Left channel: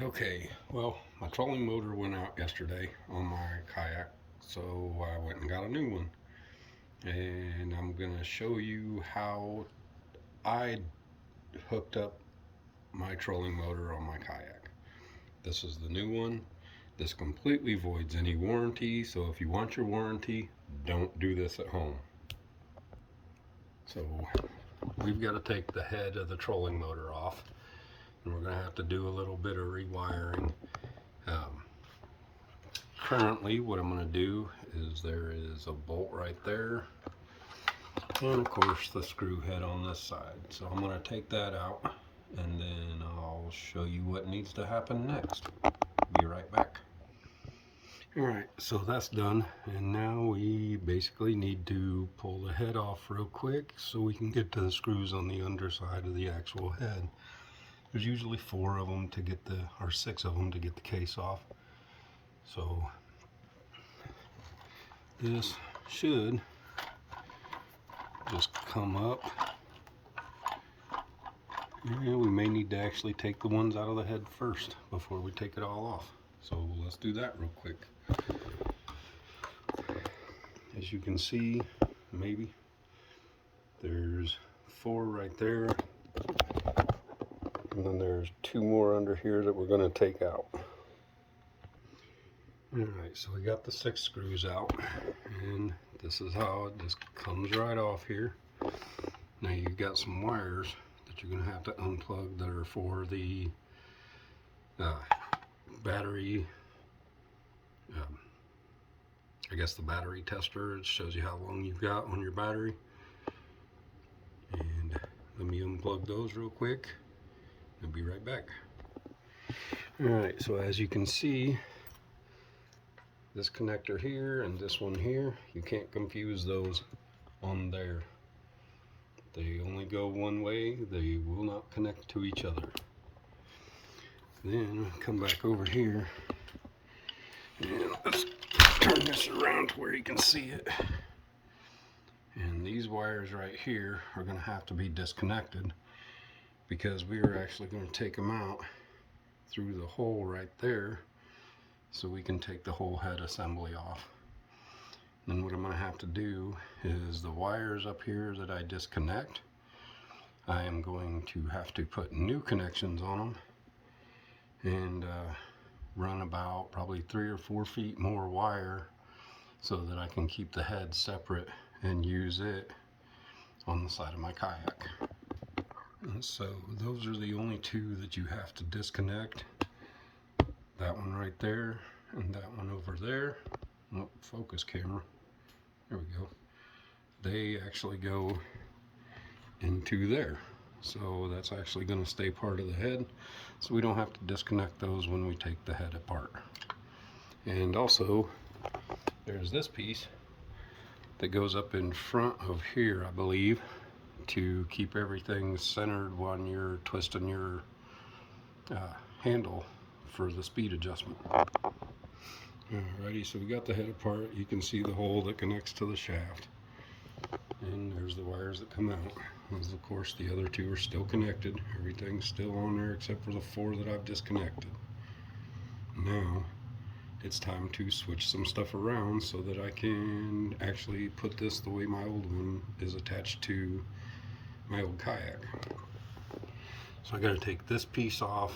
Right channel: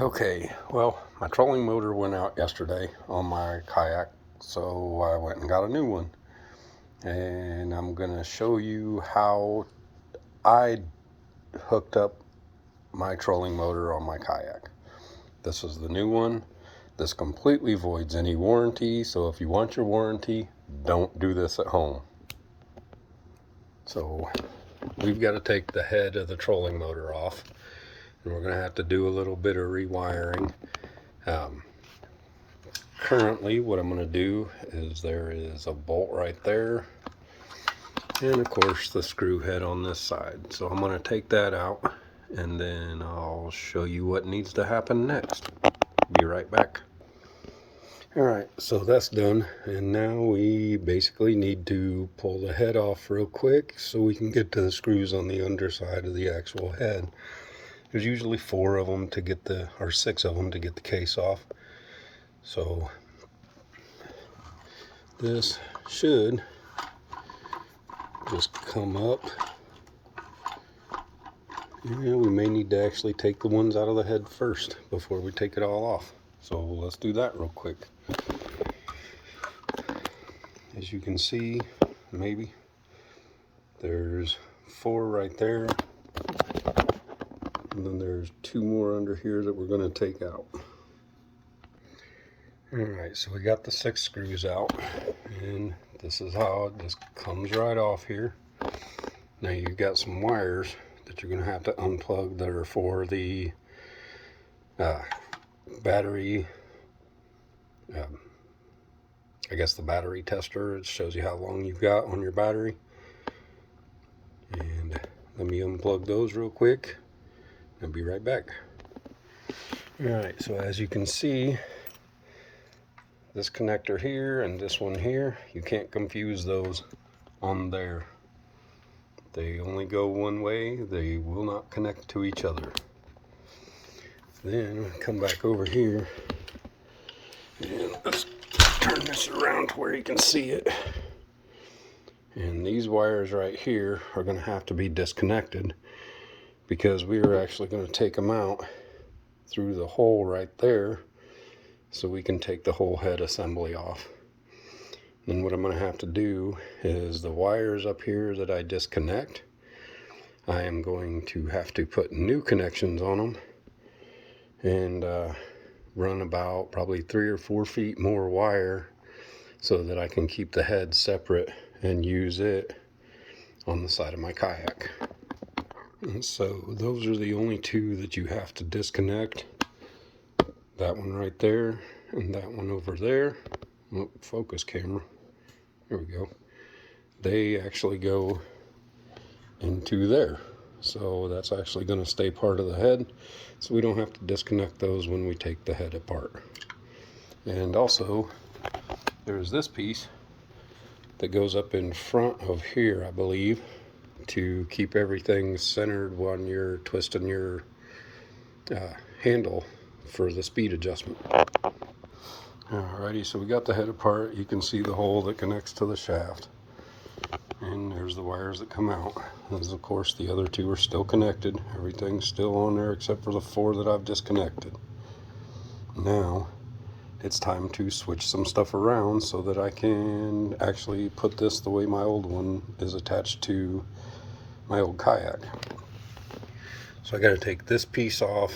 Okay, well, my trolling motor went out yesterday on my kayak, so I went and got a new one. And I'm going to show you how I hooked up my trolling motor on my kayak. This is the new one. This completely voids any warranty, so if you want your warranty, don't do this at home. So we've got to take the head of the trolling motor off, and we're going to have to do a little bit of rewiring. Currently what I'm going to do is there is a bolt right there, and of course the screw head on this side. So I'm going to take that out, and then I'll show you what needs to happen next. Be right back. Alright, so that's done, and now we basically need to pull the head off real quick so we can get to the screws on the underside of the actual head. There's usually 4 of them to get the, or 6 of them to get the case off. So this should just come up, and we may need to actually take the ones out of the head first before we take it all off. So let's do that real quick. As you can see, maybe there's 4 right there, and then there's 2 more under here that we're going to take out. Alright, so we got the 6 screws out, and this is how it just comes right off here. Now you've got some wires that you're going to have to unplug that are for the battery, I guess the battery tester. It shows you how long you've got on your battery. And let me unplug those real quick. I'll be right back. Alright, so as you can see, this connector here and this one here, you can't confuse those on there. They only go one way. They will not connect to each other. Then come back over here, and let's turn this around to where you can see it. And these wires right here are going to have to be disconnected, because we are actually going to take them out through the hole right there, so we can take the whole head assembly off. Then what I'm going to have to do is the wires up here that I disconnect, I am going to have to put new connections on them, and run about probably 3 or 4 feet more wire so that I can keep the head separate and use it on the side of my kayak. And so those are the only 2 that you have to disconnect. That one right there, and that one over there. Oh, focus camera. There we go. They actually go into there. So that's actually going to stay part of the head, so we don't have to disconnect those when we take the head apart. And also, there's this piece that goes up in front of here, I believe, to keep everything centered when you're twisting your handle for the speed adjustment. Alrighty, so we got the head apart. You can see the hole that connects to the shaft, and there's the wires that come out. As of course the other 2 are still connected. Everything's still on there except for the 4 that I've disconnected. Now it's time to switch some stuff around so that I can actually put this the way my old one is attached to my old kayak. So I got to take this piece off.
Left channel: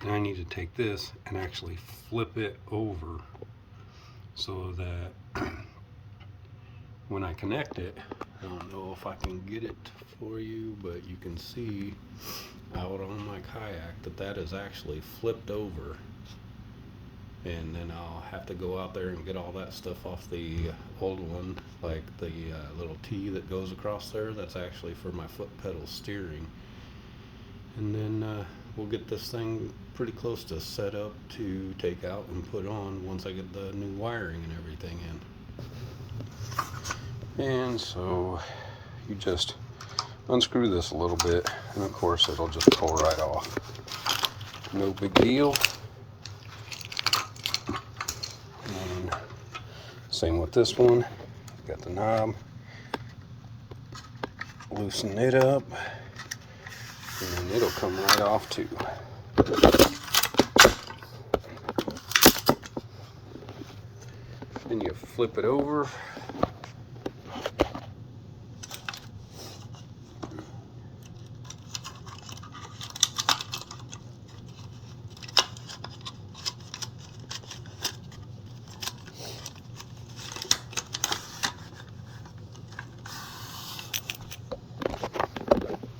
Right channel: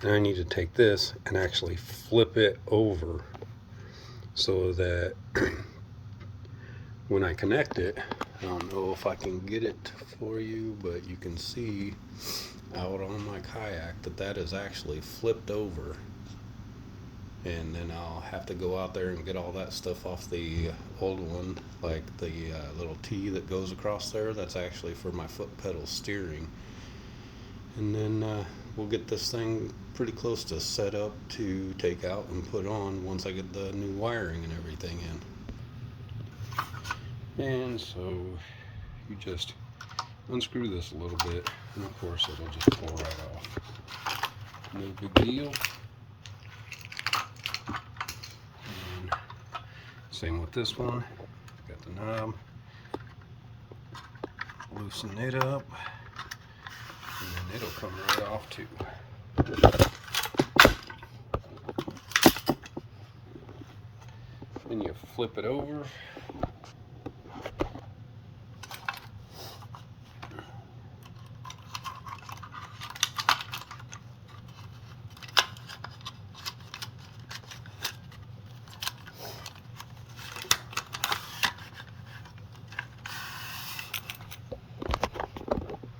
Then I need to take this and actually flip it over so that when I connect it, I don't know if I can get it for you, but you can see out on my kayak that that is actually flipped over. And then I'll have to go out there and get all that stuff off the old one, like the little T that goes across there. That's actually for my foot pedal steering. And then we'll get this thing pretty close to set up to take out and put on once I get the new wiring and everything in. And so you just unscrew this a little bit, and of course it'll just pull right off. No big deal. And same with this one. Got the knob. Loosen it up, and then it'll come right off too. and you flip it over.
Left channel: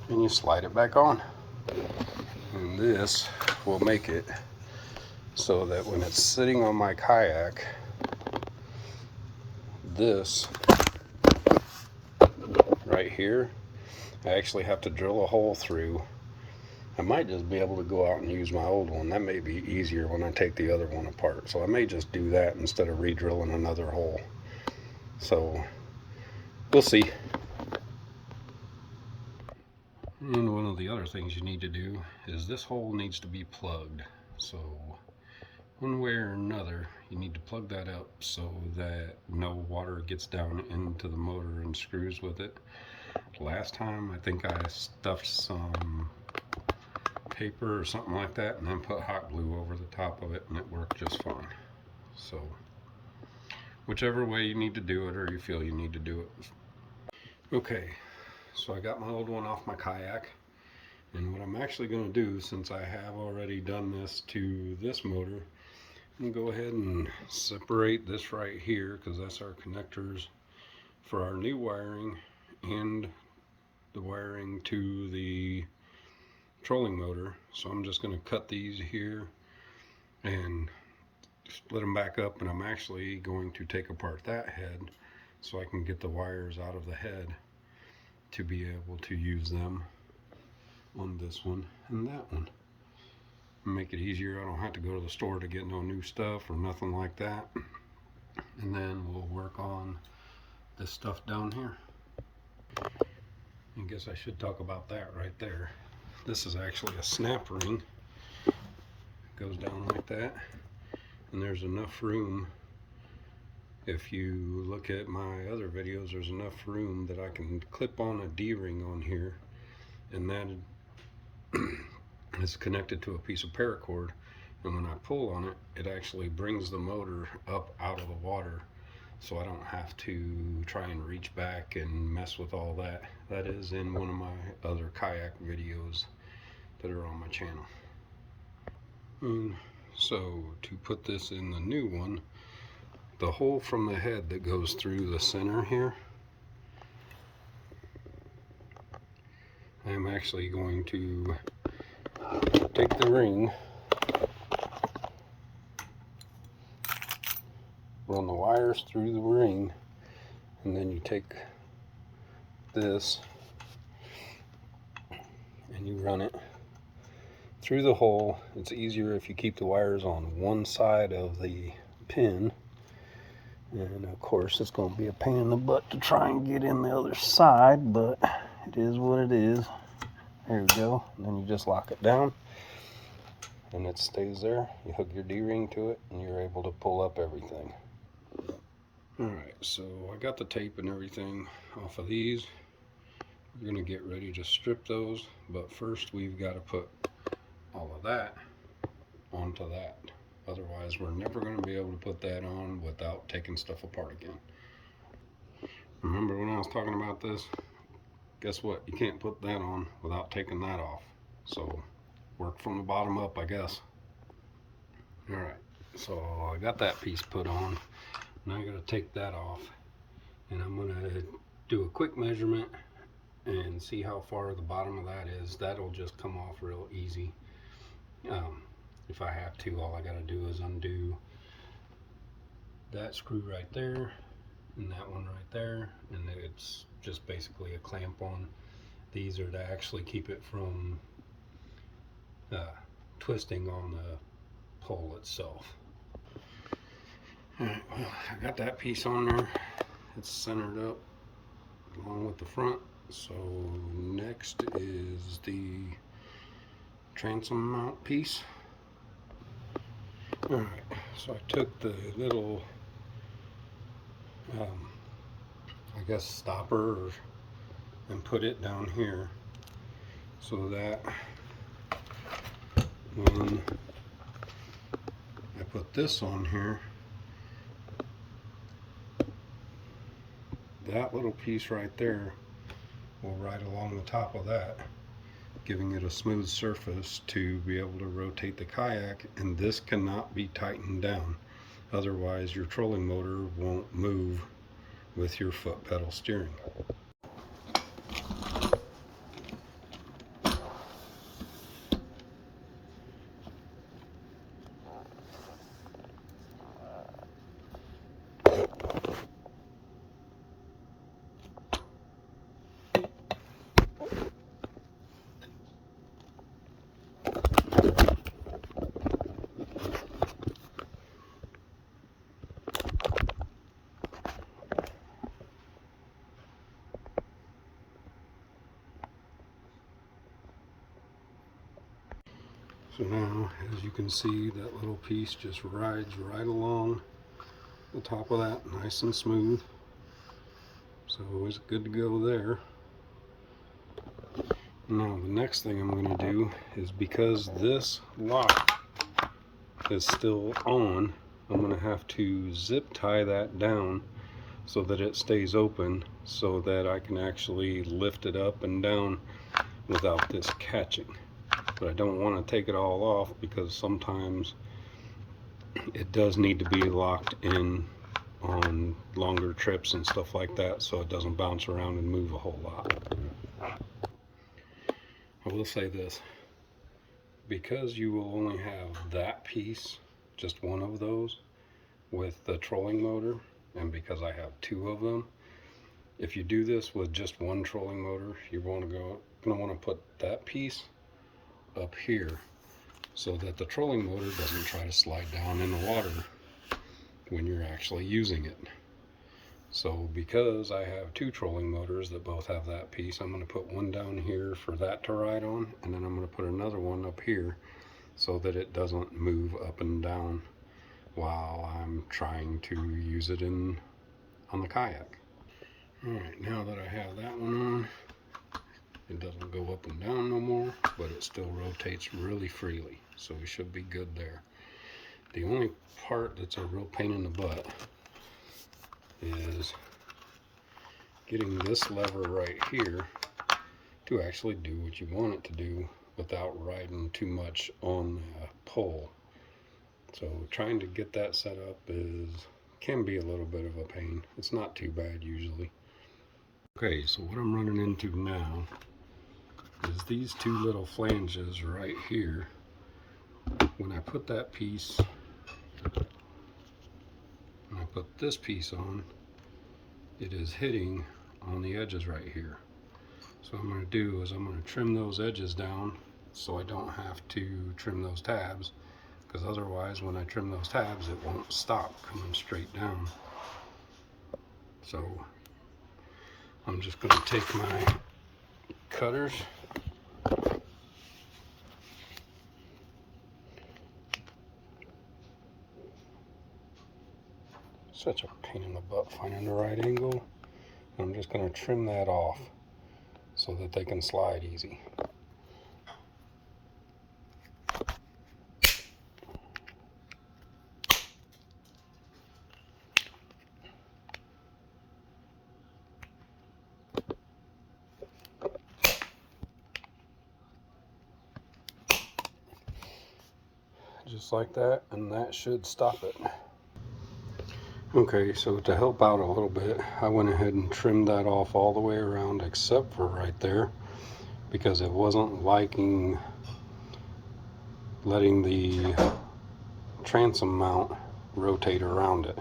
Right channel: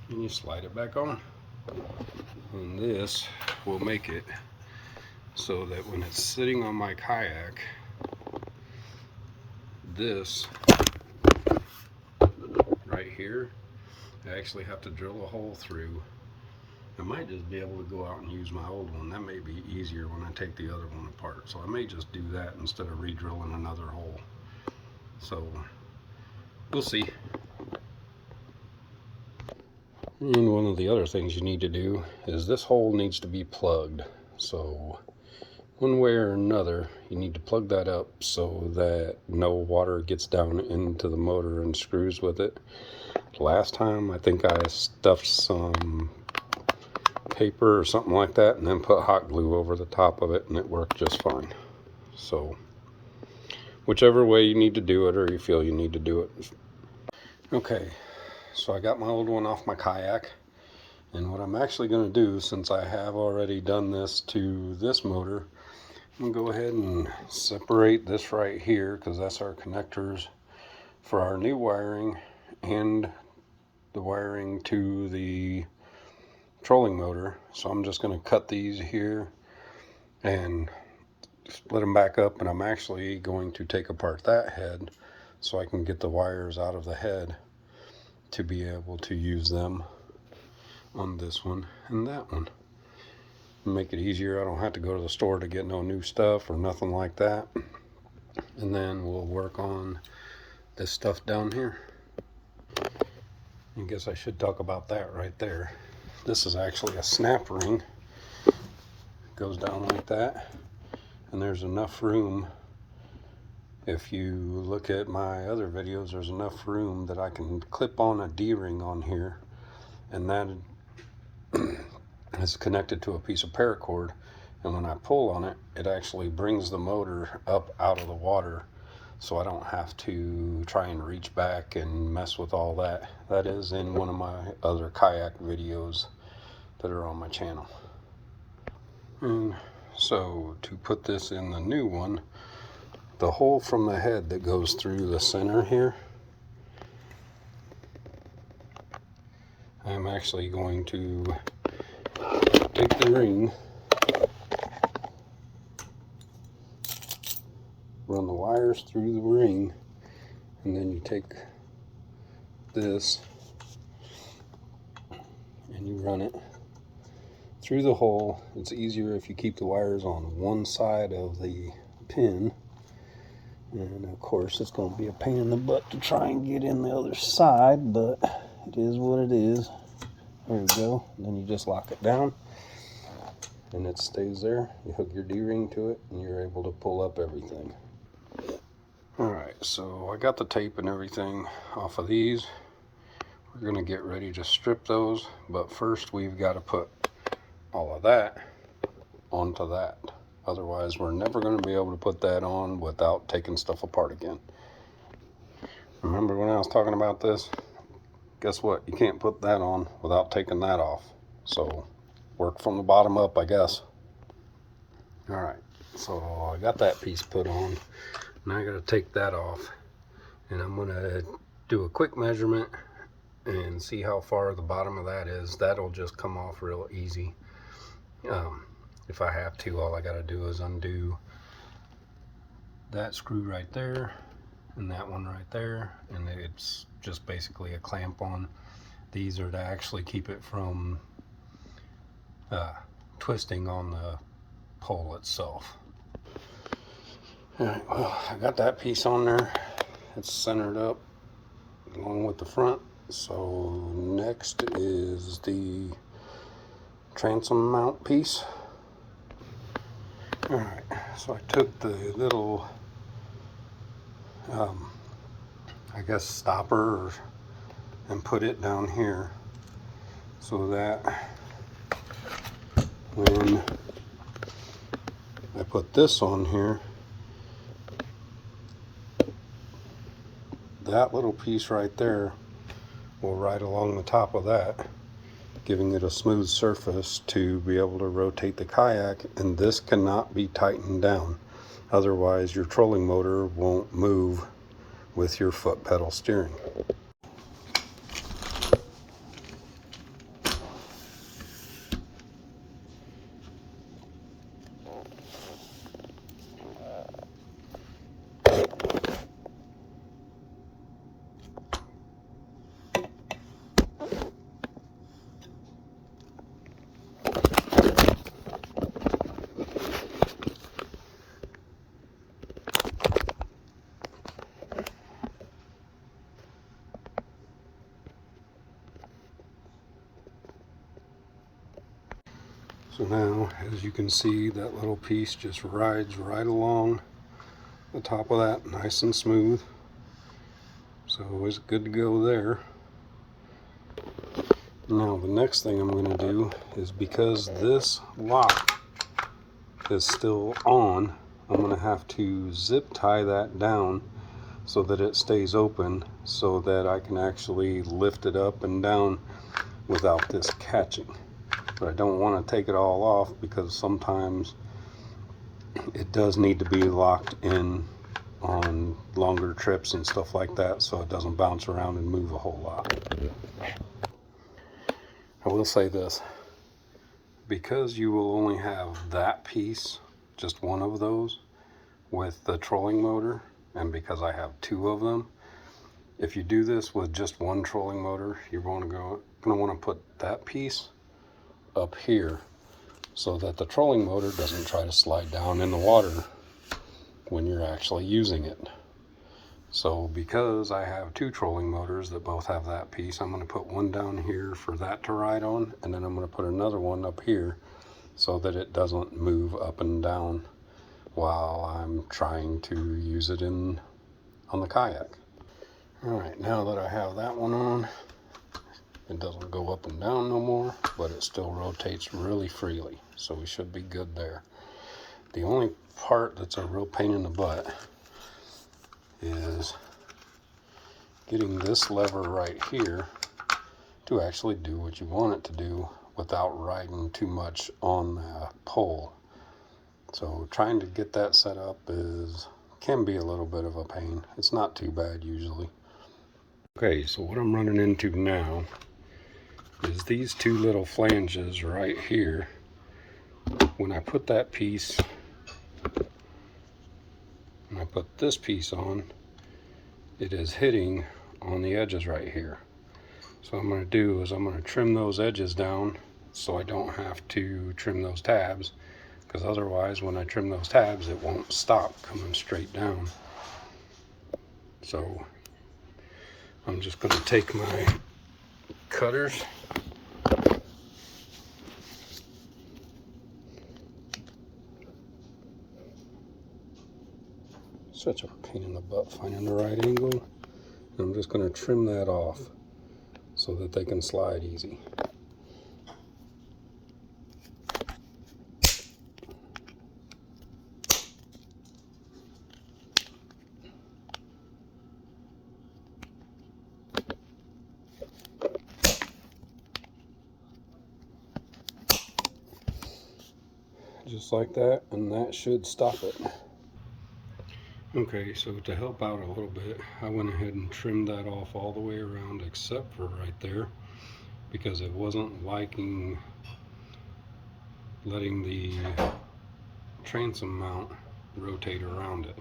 And you slide it back on. And this will make it so that when it's sitting on my kayak, this right here, I actually have to drill a hole through. I might just be able to go out and use my old one. That may be easier when I take the other one apart. So I may just do that instead of re-drilling another hole. So we'll see. And one of the other things you need to do is this hole needs to be plugged. So one way or another, you need to plug that up so that no water gets down into the motor and screws with it. Last time, I think I stuffed some paper or something like that and then put hot glue over the top of it, and it worked just fine. So whichever way you need to do it, or you feel you need to do it. Okay, so I got my old one off my kayak, and what I'm actually going to do, since I have already done this to this motor, I'm going to go ahead and separate this right here, because that's our connectors for our new wiring and the wiring to the trolling motor. So I'm just going to cut these here and split them back up, and I'm actually going to take apart that head so I can get the wires out of the head to be able to use them on this one and that one. Make it easier. I don't have to go to the store to get no new stuff or nothing like that. And then we'll work on this stuff down here. I guess I should talk about that right there. This is actually a snap ring. It goes down like that, and there's enough room. If you look at my other videos, there's enough room that I can clip on a D-ring on here, and that is connected to a piece of paracord, and when I pull on it, it actually brings the motor up out of the water, so I don't have to try and reach back and mess with all that. That is in one of my other kayak videos that are on my channel. And so to put this in the new one, the hole from the head that goes through the center here, I'm actually going to take the ring, run the wires through the ring, and then you take this and you run it through the hole. It's easier if you keep the wires on one side of the pin, and of course it's going to be a pain in the butt to try and get in the other side, but it is what it is. There you go. And then you just lock it down and it stays there. You hook your D-ring to it and you're able to pull up everything. Alright, so I got the tape and everything off of these. We're going to get ready to strip those, but first we've got to put all of that onto that. Otherwise we're never going to be able to put that on without taking stuff apart again. Remember when I was talking about this? Guess what? You can't put that on without taking that off. So work from the bottom up, I guess. Alright, so I got that piece put on. Now I got to take that off, and I'm going to do a quick measurement and see how far the bottom of that is. That'll just come off real easy. If I have to, all I got to do is undo that screw right there and that one right there, and it's just basically a clamp on. These are to actually keep it from twisting on the pole itself. Alright, well, I got that piece on there. It's centered up along with the front. So next is the transom mount piece. Alright, so I took the little I guess stopper and put it down here so that when I put this on here, that little piece right there will ride along the top of that, giving it a smooth surface to be able to rotate the kayak, and this cannot be tightened down. Otherwise, your trolling motor won't move with your foot pedal steering. So now, as you can see, that little piece just rides right along the top of that, nice and smooth. So it's good to go there. Now the next thing I'm going to do is, because this lock is still on, I'm going to have to zip tie that down so that it stays open, so that I can actually lift it up and down without this catching. But I don't want to take it all off, because sometimes it does need to be locked in on longer trips and stuff like that, so it doesn't bounce around and move a whole lot. I will say this, because you will only have that piece, just one of those, with the trolling motor, and because I have two of them, if you do this with just one trolling motor, you're going to want to put that piece up here so that the trolling motor doesn't try to slide down in the water when you're actually using it. So because I have two trolling motors that both have that piece, I'm going to put one down here for that to ride on, and then I'm going to put another one up here so that it doesn't move up and down while I'm trying to use it on the kayak. Alright, now that I have that one on, it doesn't go up and down no more, but it still rotates really freely, so we should be good there. The only part that's a real pain in the butt is getting this lever right here to actually do what you want it to do without riding too much on the pole. So trying to get that set up can be a little bit of a pain. It's not too bad usually. Okay, so what I'm running into now is these two little flanges right here. When I put that piece, when I put this piece on, it is hitting on the edges right here. So what I'm going to do is I'm going to trim those edges down so I don't have to trim those tabs, because otherwise when I trim those tabs it won't stop coming straight down. So I'm just going to take my cutters such a pain in the butt finding the right angle. I'm just going to trim that off so that they can slide easy. Just like that, and that should stop it. Okay, so to help out a little bit, I went ahead and trimmed that off all the way around except for right there, because it wasn't liking letting the transom mount rotate around it,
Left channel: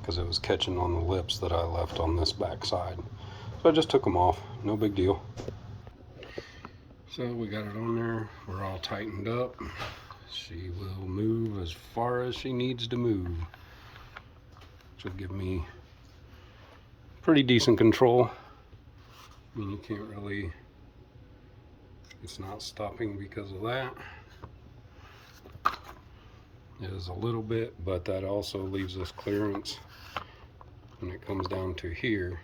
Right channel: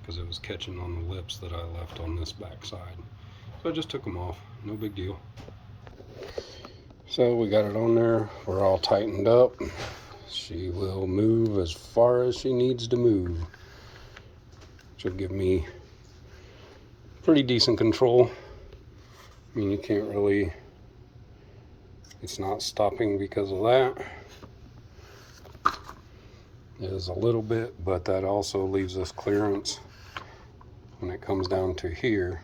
because it was catching on the lips that I left on this back side. So I just took them off, no big deal. So we got it on there, we're all tightened up. She will move as far as she needs to move, which will give me pretty decent control. I mean, you can't really, it's not stopping because of that. It is a little bit, but that also leaves us clearance when it comes down to here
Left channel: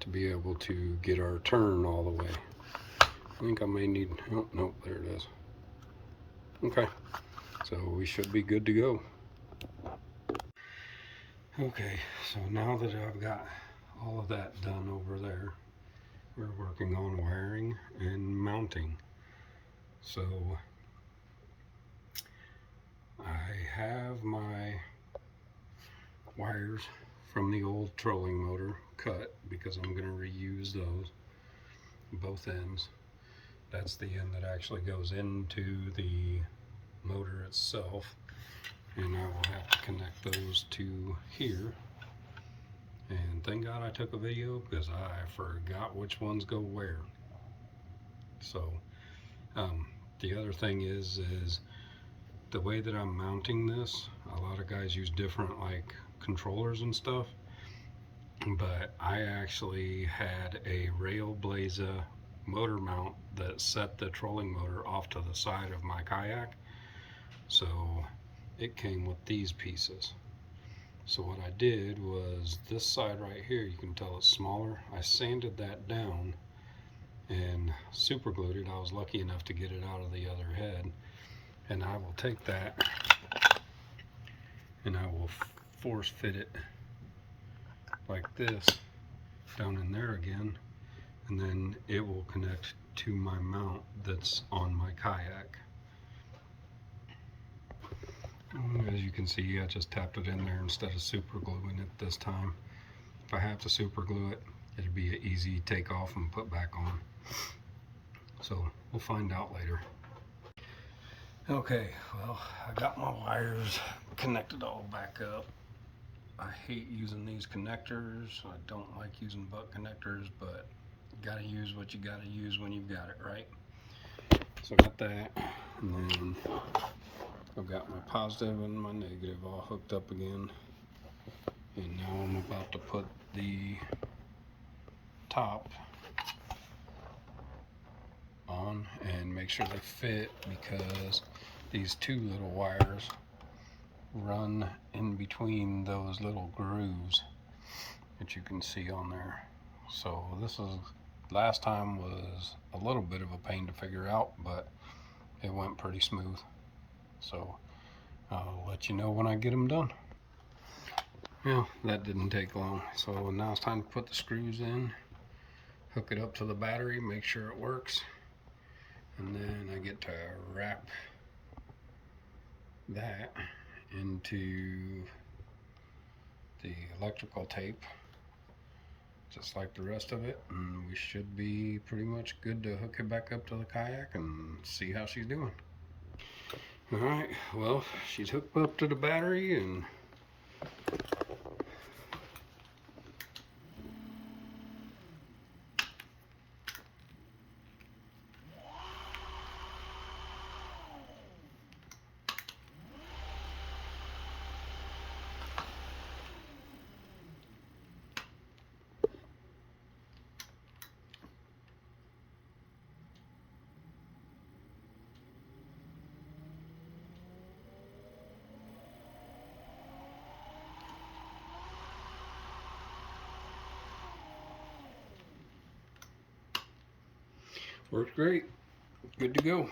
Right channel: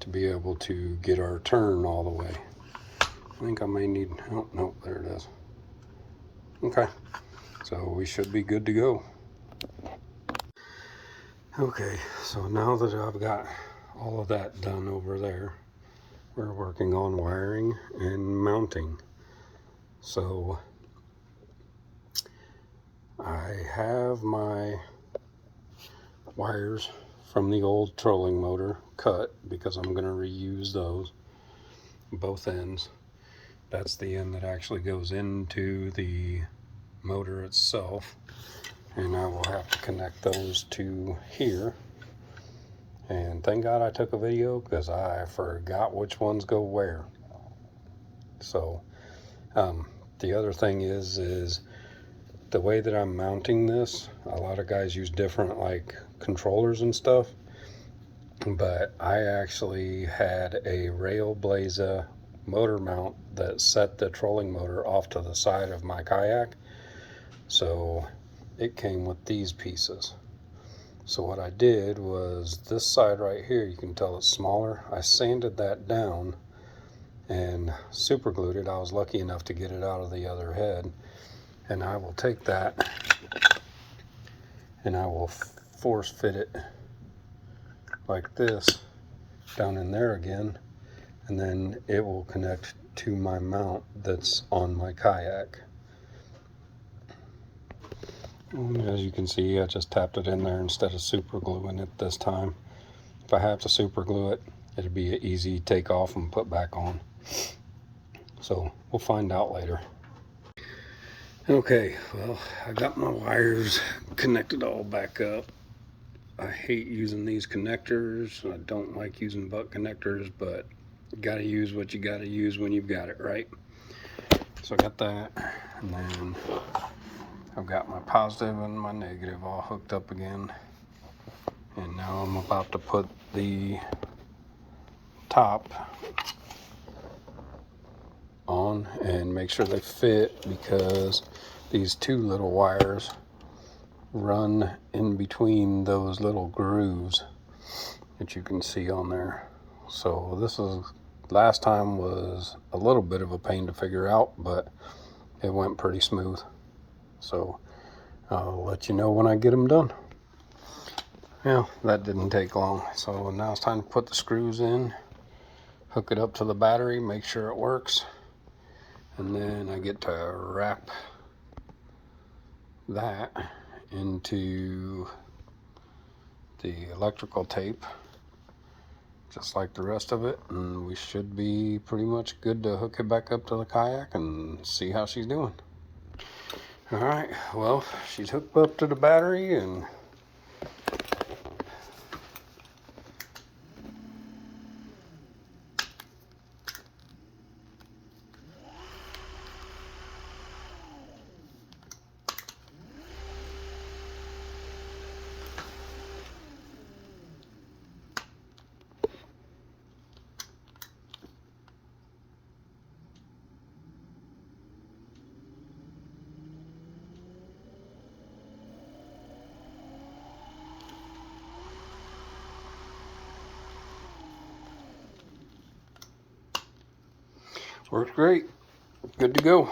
to be able to get our turn all the way. I think I may need, oh, nope, there it is. Okay, so we should be good to go. Okay, so now that I've got all of that done over there. We're working on wiring and mounting. So I have my wires from the old trolling motor cut because I'm going to reuse those, both ends. That's the end that actually goes into the motor itself, and I will have to connect those to here. And thank God I took a video because I forgot which ones go where. So the other thing is the way that I'm mounting this. A lot of guys use different like controllers and stuff, but I actually had a Railblaza motor mount that set the trolling motor off to the side of my kayak, so it came with these pieces. So what I did was this side right here, you can tell it's smaller. I sanded that down and super glued it. I was lucky enough to get it out of the other head, and I will take that and I will force fit it like this down in there again, and then it will connect to my mount that's on my kayak. And as you can see, I just tapped it in there instead of super gluing it this time. If I have to super glue it, it'll be an easy take off and put back on. So we'll find out later. Okay, well, I got my wires connected all back up. I hate using these connectors. I don't like using butt connectors, but you gotta use what you gotta use when you've got it, right? So I got that, and then I've got my positive and my negative all hooked up again. And now I'm about to put the top on and make sure they fit, because these two little wires run in between those little grooves that you can see on there. So this is, last time was a little bit of a pain to figure out, but it went pretty smooth. So I'll let you know when I get them done. Yeah, that didn't take long. So now it's time to put the screws in, hook it up to the battery, make sure it works, and then I get to wrap that into the electrical tape just like the rest of it, and we should be pretty much good to hook it back up to the kayak and see how she's doing. All right, well, she's hooked up to the battery, and works great. Good to go.